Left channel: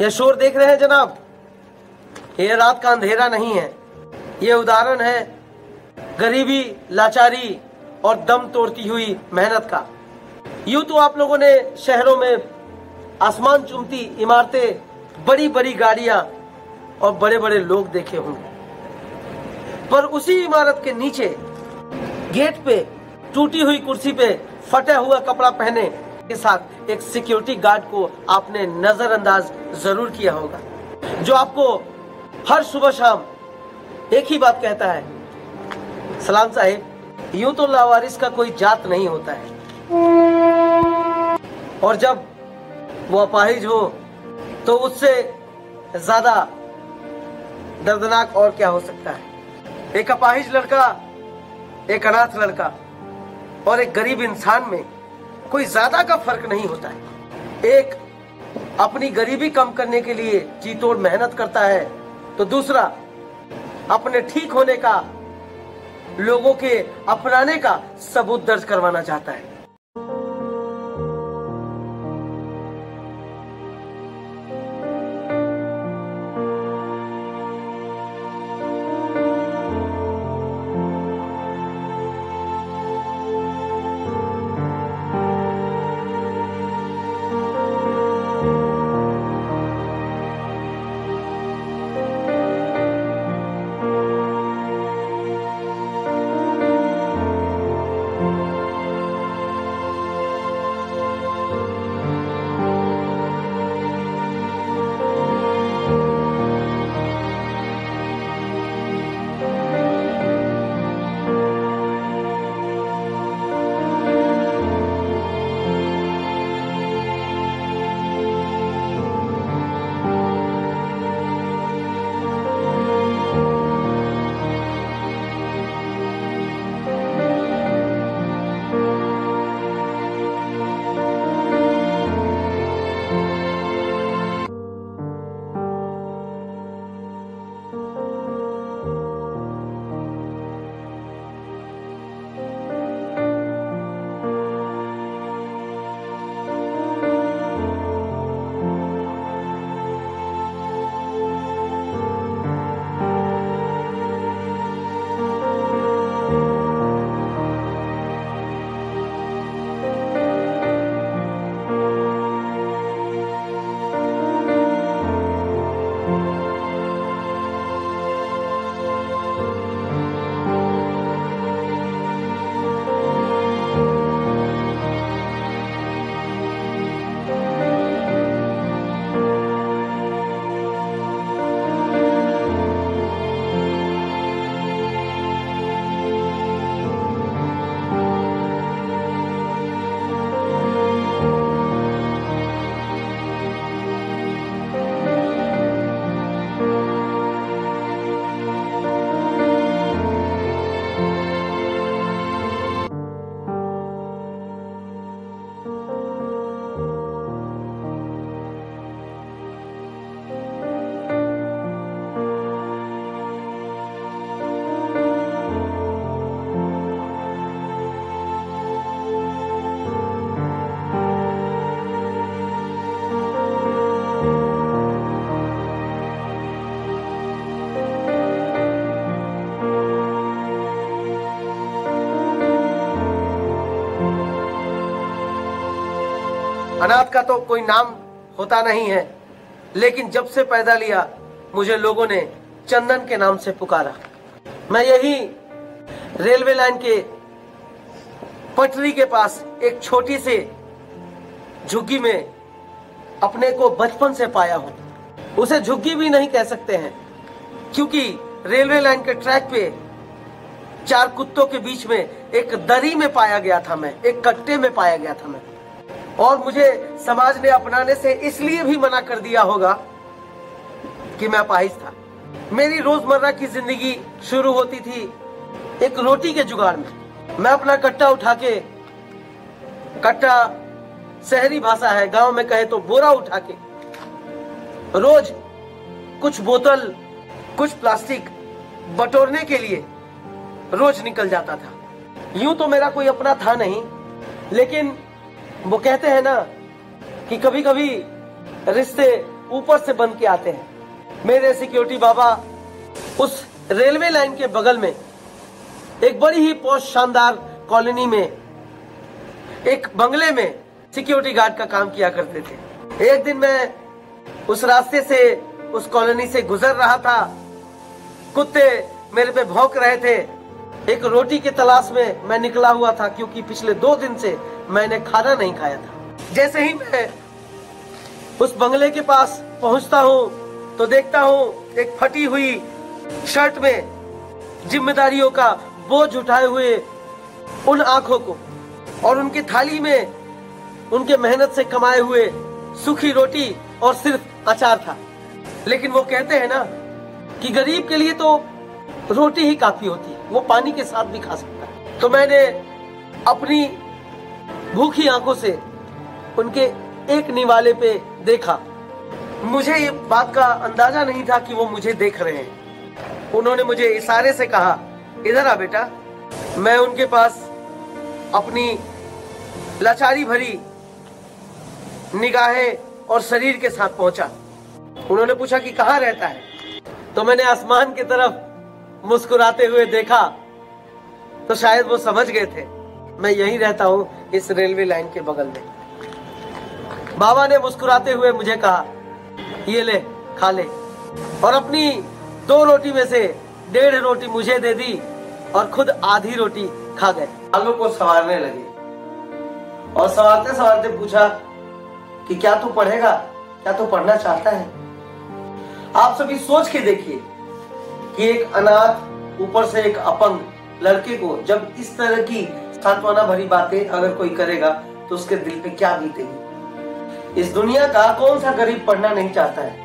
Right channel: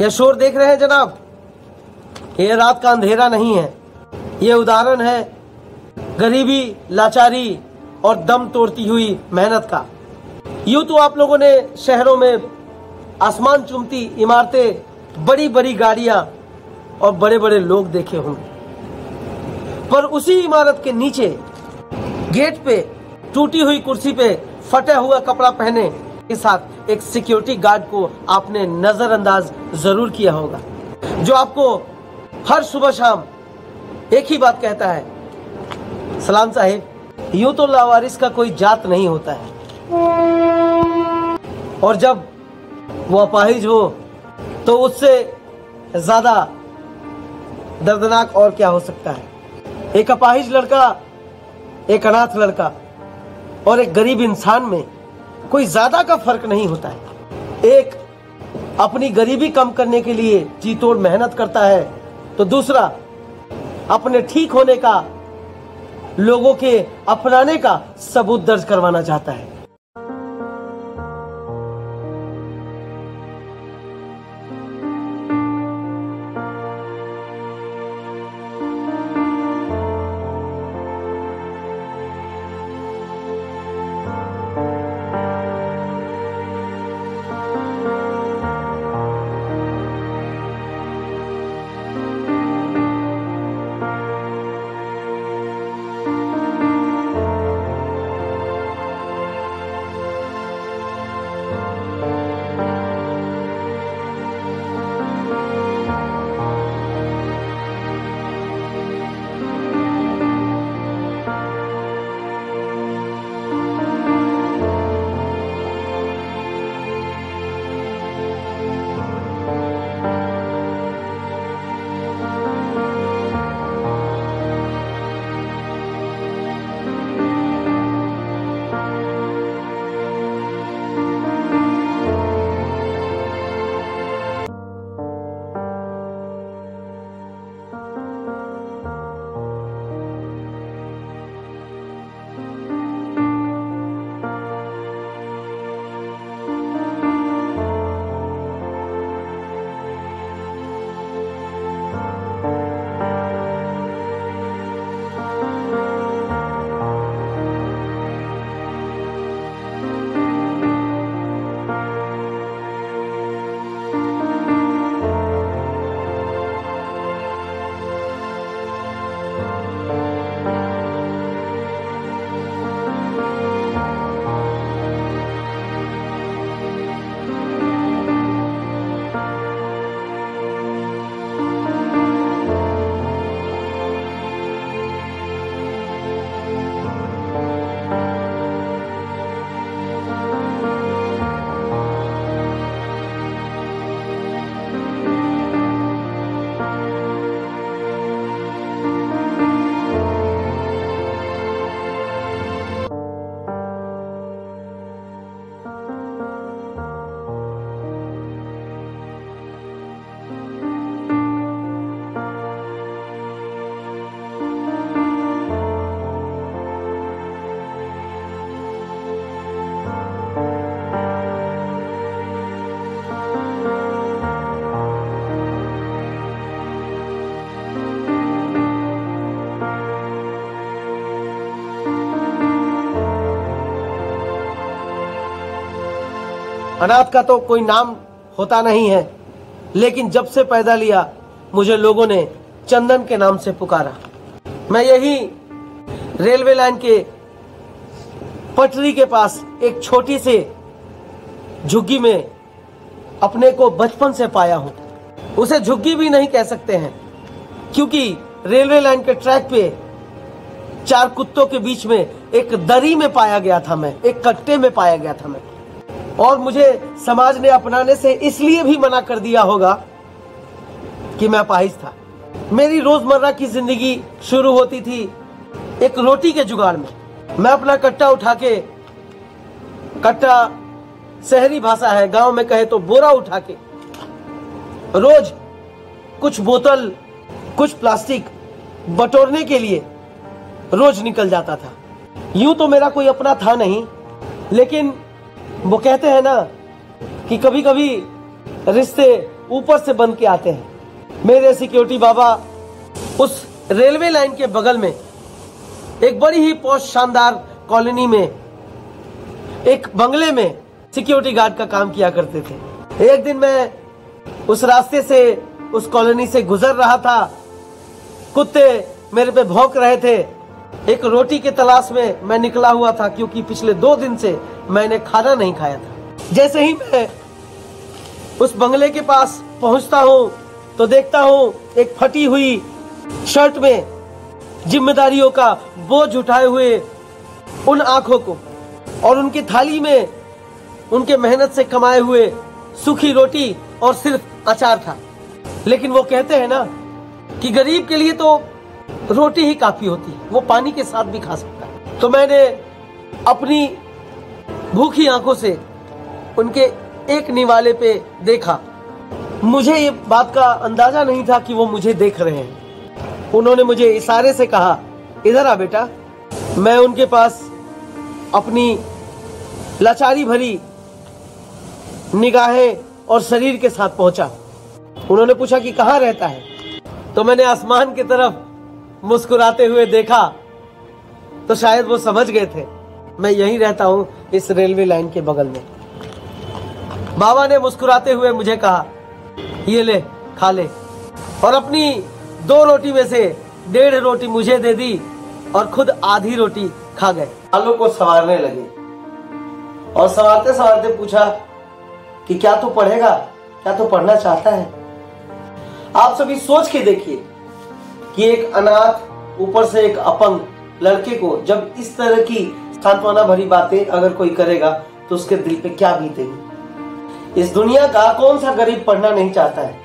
यह शोर देख रहे हैं जनाब, ये रात का अंधेरा नहीं है, ये उदाहरण है गरीबी, लाचारी और दम तोड़ती हुई मेहनत का। यूं तो आप लोगों ने शहरों में आसमान चूमती इमारतें, बड़ी बड़ी गाड़ियां और बड़े बड़े लोग देखे होंगे, पर उसी इमारत के नीचे गेट पे टूटी हुई कुर्सी पे फटा हुआ कपड़ा पहने के साथ एक सिक्योरिटी गार्ड को आपने नजरअंदाज जरूर किया होगा, जो आपको हर सुबह शाम एक ही बात कहता है, सलाम साहिब। यूं तो लावारिस का कोई जात नहीं होता है, और जब वो अपाहिज हो तो उससे ज्यादा दर्दनाक और क्या हो सकता है। एक अपाहिज लड़का, एक अनाथ लड़का और एक गरीब इंसान में कोई ज्यादा का फर्क नहीं होता है। एक अपनी गरीबी कम करने के लिए जी तोड़ मेहनत करता है, तो दूसरा अपने ठीक होने का, लोगों के अपनाने का सबूत दर्ज करवाना चाहता है। अनाथ का तो कोई नाम होता नहीं है, लेकिन जब से पैदा लिया मुझे लोगों ने चंदन के नाम से पुकारा। मैं यही रेलवे लाइन के पटरी के पास एक छोटी से झुग्गी में अपने को बचपन से पाया हूँ। उसे झुग्गी भी नहीं कह सकते हैं, क्योंकि रेलवे लाइन के ट्रैक पे चार कुत्तों के बीच में एक दरी में पाया गया था मैं, एक कट्टे में पाया गया था मैं। और मुझे समाज ने अपनाने से इसलिए भी मना कर दिया होगा कि मैं अपाहिज था। मेरी रोजमर्रा की जिंदगी शुरू होती थी एक रोटी के जुगाड़ में। मैं अपना कट्टा उठा के, कट्टा शहरी भाषा है, गांव में कहे तो बोरा उठा के, रोज कुछ बोतल, कुछ प्लास्टिक बटोरने के लिए रोज निकल जाता था। यूं तो मेरा कोई अपना था नहीं, लेकिन वो कहते हैं ना कि कभी कभी रिश्ते ऊपर से बन के आते हैं। मेरे सिक्योरिटी बाबा उस रेलवे लाइन के बगल में एक बड़ी ही पोस्ट शानदार कॉलोनी में एक बंगले में सिक्योरिटी गार्ड का काम किया करते थे। एक दिन मैं उस रास्ते से उस कॉलोनी से गुजर रहा था। कुत्ते मेरे पे भौंक रहे थे। एक रोटी की तलाश में मैं निकला हुआ था, क्योंकि पिछले 2 दिन से मैंने खाना नहीं खाया था। जैसे ही मैं उस बंगले के पास पहुंचता हूं तो देखता हूं एक फटी हुई शर्ट में जिम्मेदारियों का बोझ उठाए हुए उन आंखों को, और उनकी थाली में उनके मेहनत से कमाए हुए सूखी रोटी और सिर्फ अचार था। लेकिन वो कहते हैं ना कि गरीब के लिए तो रोटी ही काफी होती है, वो पानी के साथ भी खा सकता है। तो मैंने अपनी भूखी आंखों से उनके एक निवाले पे देखा। मुझे ये बात का अंदाजा नहीं था कि वो मुझे देख रहे हैं। उन्होंने मुझे इशारे से कहा, इधर आ बेटा। मैं उनके पास अपनी लाचारी भरी निगाहें और शरीर के साथ पहुंचा। उन्होंने पूछा कि कहाँ रहता है, तो मैंने आसमान की तरफ मुस्कुराते हुए देखा, तो शायद वो समझ गए थे मैं यहीं रहता हूं, इस रेलवे लाइन के बगल में। बाबा ने मुस्कुराते हुए मुझे कहा, ये ले खा ले, और अपनी 2 रोटी में से 1.5 रोटी मुझे दे दी और खुद आधी रोटी खा गए। आलू को संवारने लगे और संवारते संवारते पूछा कि क्या तू पढ़ेगा, क्या तू पढ़ना चाहता है? आप सभी सोच के देखिए कि एक अनाथ, ऊपर से एक अपंग लड़के को जब इस तरह की सांत्वना भरी बातें अगर कोई करेगा तो उसके दिल पे क्या बीतेगी। इस दुनिया का कौन सा गरीब पढ़ना नहीं चाहता है?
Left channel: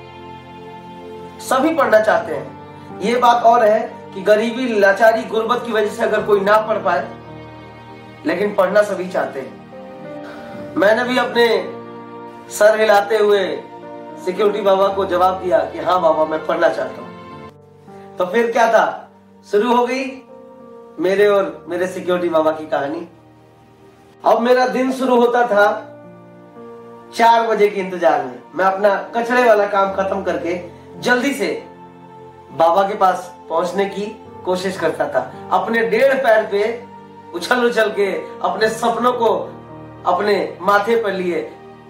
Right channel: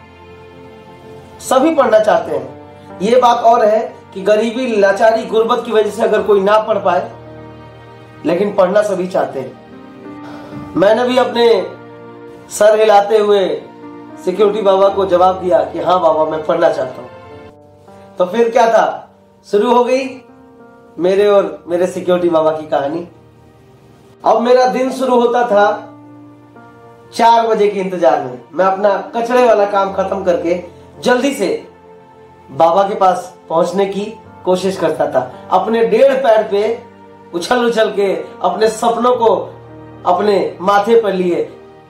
सभी पढ़ना चाहते हैं। ये बात और है कि गरीबी, लाचारी, गुर्बत की वजह से अगर कोई ना पढ़ पाए, लेकिन पढ़ना सभी चाहते हैं। मैंने भी अपने सर हिलाते हुए सिक्योरिटी बाबा को जवाब दिया कि हाँ बाबा, मैं पढ़ना चाहता हूं। तो फिर क्या था, शुरू हो गई मेरे और मेरे सिक्योरिटी बाबा की कहानी। अब मेरा दिन शुरू होता था 4 बजे के इंतजार में। मैं अपना कचरे वाला काम खत्म करके जल्दी से बाबा के पास पहुंचने की कोशिश करता था। अपने 1.5 पैर पे उछल उछल के अपने सपनों को अपने माथे पर लिए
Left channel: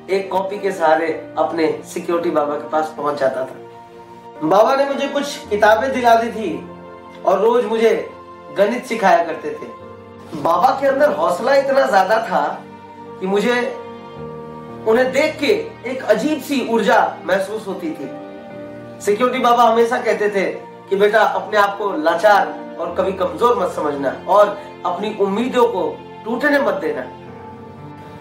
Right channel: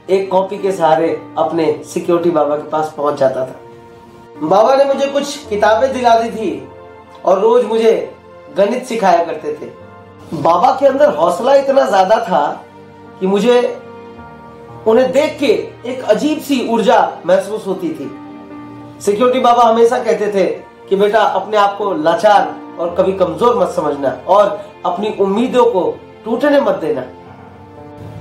एक कॉपी के सहारे अपने सिक्योरिटी बाबा के पास पहुंच जाता था। बाबा ने मुझे कुछ किताबें दिला दी थी और रोज मुझे गणित सिखाया करते थे। बाबा के अंदर हौसला इतना ज्यादा था कि मुझे उन्हें देख के एक अजीब सी ऊर्जा महसूस होती थी। सिक्योरिटी बाबा हमेशा कहते थे कि बेटा, अपने आप को लाचार और कभी कमजोर मत समझना और अपनी उम्मीदों को टूटने मत देना।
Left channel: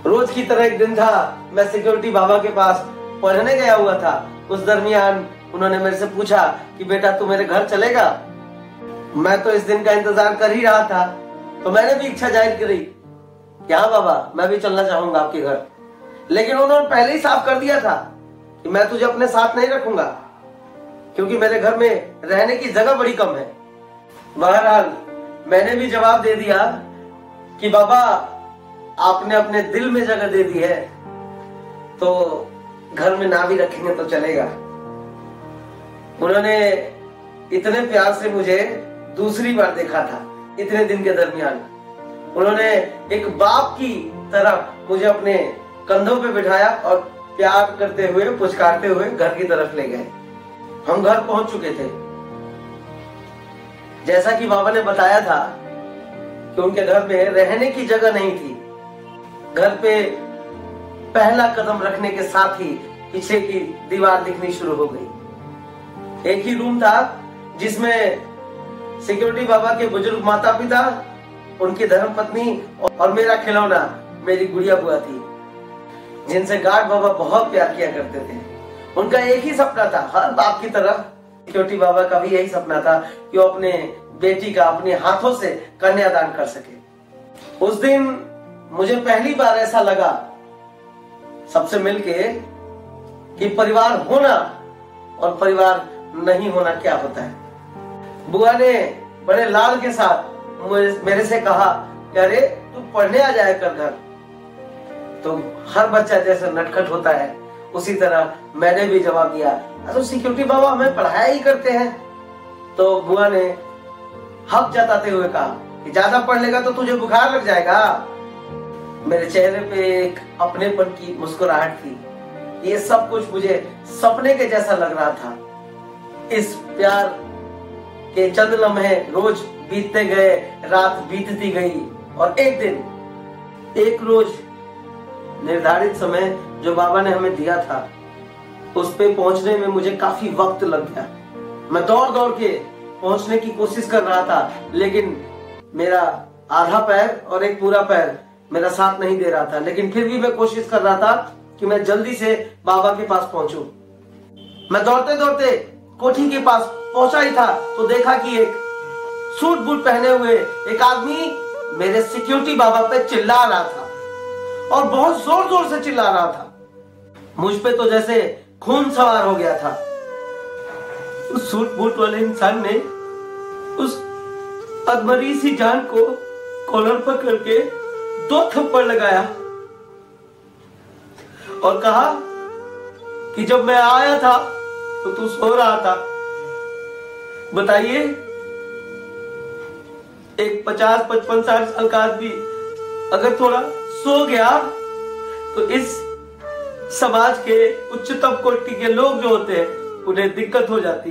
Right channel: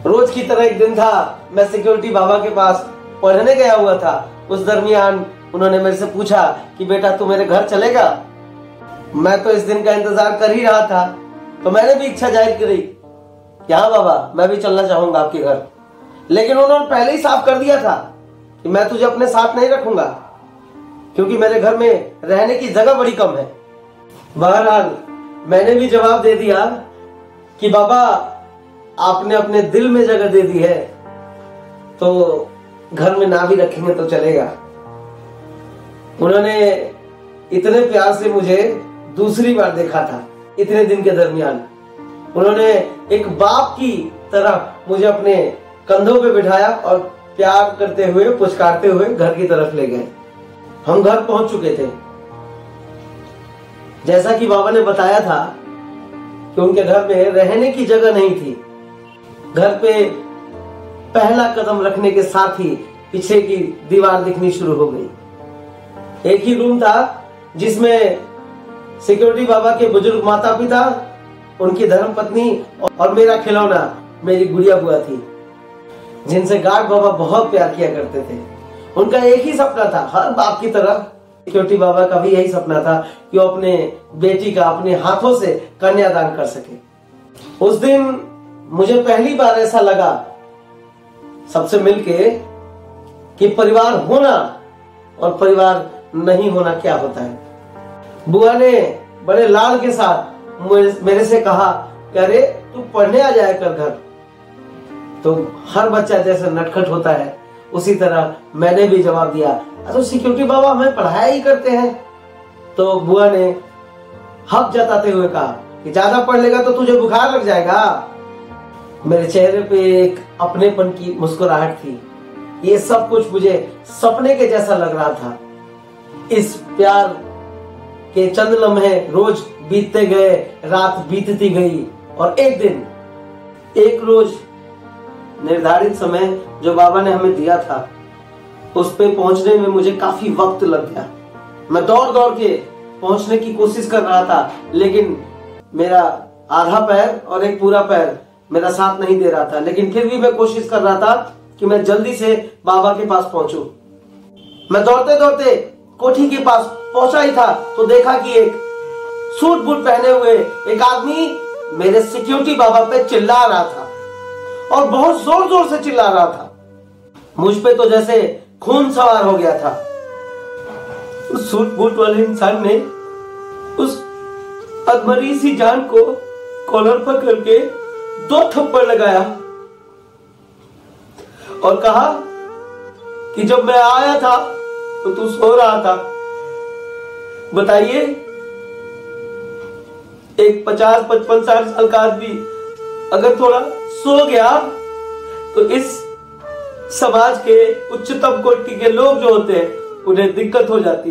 रोज की तरह एक दिन था, मैं सिक्योरिटी बाबा के पास पढ़ने गया हुआ था। उस दरमियान उन्होंने मेरे से पूछा कि बेटा, तू मेरे घर चलेगा? मैं तो इस दिन का इंतजार कर ही रहा था, तो मैंने भी इच्छा जाहिर करी कि हाँ बाबा, मैं भी चलना चाहूंगा आपके घर। लेकिन उन्होंने पहले ही साफ कर दिया था कि मैं तुझे अपने साथ नहीं रखूंगा, क्योंकि मेरे घर में रहने की जगह बड़ी कम है। बहरहाल मैंने भी जवाब दे दिया कि बाबा, आपने अपने दिल में जगह दे दी है, तो घर में ना भी रखेंगे तो चलेगा। उन्होंने इतने प्यार से मुझे दूसरी बार देखा था इतने दिन के दरमियान। उन्होंने एक बाप की तरह मुझे अपने कंधों पे बिठाया और प्यार करते हुए, पुचकारते हुए घर की तरफ ले गए। हम घर पहुंच चुके थे। जैसा कि बाबा ने बताया था कि उनके घर में रहने की जगह नहीं थी। घर पे पहला कदम रखने के साथ ही पीछे की दीवार दिखनी शुरू हो गई। एक ही रूम था जिसमें सिक्योरिटी बाबा के बुजुर्ग माता पिता, उनकी धर्मपत्नी और मेरा खिलौना, मेरी गुड़िया बुआ थी, जिनसे गार्ड बाबा बहुत प्यार किया करते थे। उनका एक ही सपना था, हर बाप की तरह सिक्योरिटी बाबा का भी यही सपना था कि वो अपने बेटी का अपने हाथों से कन्यादान कर सके। उस दिन मुझे पहली बार ऐसा लगा सबसे मिलके कि परिवार होना और परिवार नहीं होना क्या होता है। बुआ ने बड़े लाड के साथ मेरे से कहा कि अरे, तू पढ़ने आ जाए कर घर। तो हर बच्चा जैसे नटखट होता है, उसी तरह मैंने भी जवाब दिया, तो सिक्योरिटी बाबा हमें पढ़ाया ही करते हैं। तो बुआ ने हक जताते हुए कहा कि ज्यादा पढ़ लेगा तो तुझे बुखार लग जाएगा। मेरे चेहरे पे एक अपनेपन की मुस्कुराहट थी। ये सब कुछ मुझे सपने के जैसा लग रहा था। इस प्यार के चंद लम्हे रोज बीतते गए, रात बीतती गई और एक दिन, एक रोज निर्धारित समय जो बाबा ने हमें दिया था, उस पे पहुंचने में मुझे काफी वक्त लग गया। मैं दौड़ दौड़ के पहुंचने की कोशिश कर रहा था, लेकिन मेरा आधा पैर और एक पूरा पैर मेरा साथ नहीं दे रहा था। लेकिन फिर भी मैं कोशिश कर रहा था कि मैं जल्दी से बाबा के पास पहुंचूं। मैं दौड़ते दौड़ते कोठी के पास पहुंचा ही था तो देखा कि एक सूट बूट पहने हुए एक आदमी मेरे सिक्योरिटी बाबा पे चिल्ला रहा था और बहुत जोर जोर से चिल्ला रहा था। मुझ पे तो जैसे खून सवार हो गया था। उस सूट बूट वाले इंसान ने उस अधमरी सी जान को कॉलर पकड़ के 2 थप्पड़ लगाया और कहा कि जब मैं आया था तो तू सो रहा था। बताइए, एक 50-55-60 साल का आदमी अगर थोड़ा सो गया तो इस समाज के उच्चतम कोटि के लोग जो होते हैं उन्हें दिक्कत हो जाती है।